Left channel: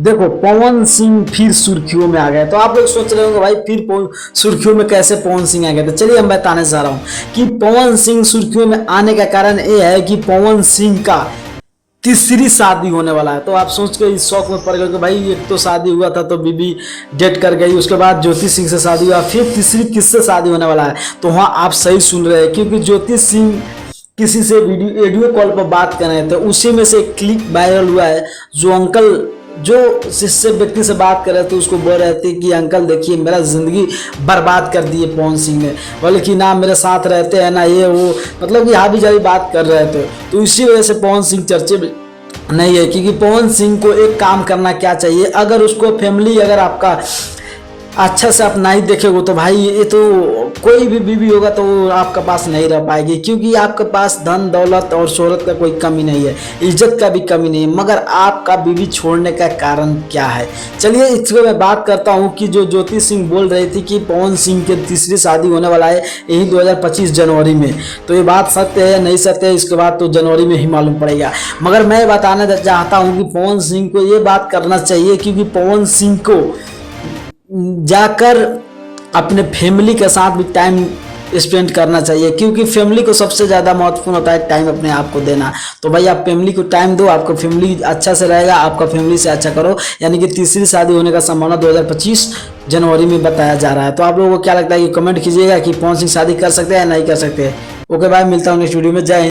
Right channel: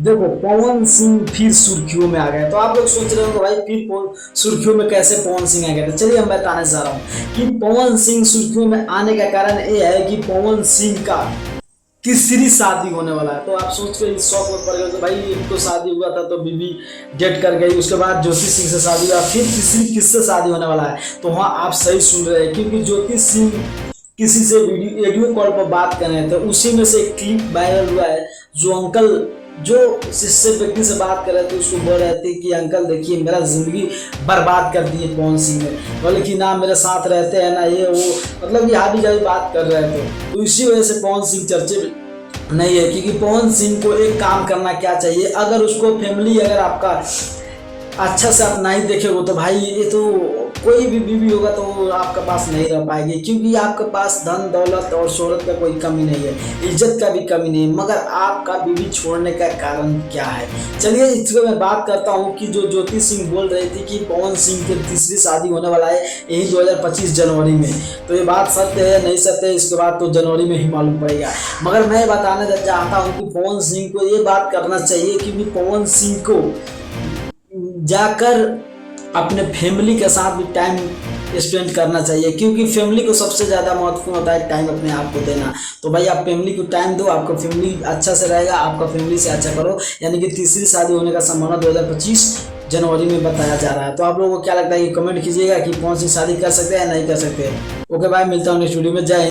देखो पवन सिंह फिर सुर्खियों में आ गए। तो आप लोग सोच रहे होंगे भाई फिर सुर्खियों में कैसे पवन सिंह आ गए। तो चलिए हम बताने जा रहा हूँ कि पवन सिंह सुर्खियों में आने का कारण ये है कि पवन सिंह का तीसरी शादी होने वाला है। तो आप सोच के इस शौक में पड़ गए कि भाई एक तो शादी हुआ था तो बीबी डेट कर गई, उसके बाद ज्योति सिंह से शादी हुआ, फिर तीसरी किससे शादी होने वाला है। तो हाँ आप सही सुन रहे हैं, क्योंकि ज्योति सिंह किसी से वीडियो कॉल पर बात कर रहे थे, उसी में से एक क्लिप वायरल हुआ है। जो अंकल जो जिससे व्यक्ति से बात कर रहे थे उसको बोल रहे थे कि अंकल देखिए मेरा जिंदगी बर्बाद कर दी है पवन सिंह ने, बोले कि ना मेरे साथ रहते हैं ना ये वो, मतलब कि हावी जावी बात कर रहे थे। तो इसी वजह से पवन सिंह चर्चे में नहीं है। क्योंकि पवन सिंह को एक काम करना क्या चाहिए, अगर उसको फैमिली अगर आपका अच्छा से आप नहीं देखेगा तो भाई ये तो कोई भी बीवी होगा तो वो आपके पास नहीं रह पाएगी। क्योंकि आपके पास धन दौलत और शोहरत का कोई कमी नहीं है, इज्जत का भी कमी नहीं है, मगर आपका बीवी छोड़ने का कारण क्या है। चलिए इस पर मैं बात करता हूँ कि जो ज्योति सिंह बोल रही थी कि पवन सिंह की तीसरी शादी होने वाला है यही 2025 जनवरी में, तो ये बात सत्य है नहीं सत्य है इसके बाद तो जनवरी में ही मालूम पड़ेगा। मगर मैं बताना चाहता हूँ कि पवन सिंह को ये बात करना चाहिए, क्योंकि पवन सिंह को जाकर अपने फैमिली के साथ भी टाइम स्पेंड करना चाहिए। क्योंकि फैमिली को सबसे ज़्यादा महत्वपूर्ण होता है टाइम अपने आप को देना। तो भाई आप फैमिली को टाइम दो, आपका फैमिली अच्छा से रहेगा, आपका फैमिली से अच्छा करो। यानी कि तीसरी शादी होने का संभावना 2025 जनवरी में बताया जा रहा है। तो आप लोगों को क्या लगता है कि कमेंट कीजिएगा कि पवन सिंह शादी कर सकते हैं या नहीं कर सकते। ओके भाई, मिलता हूँ नेक्स्ट वीडियो में। जय हिंद।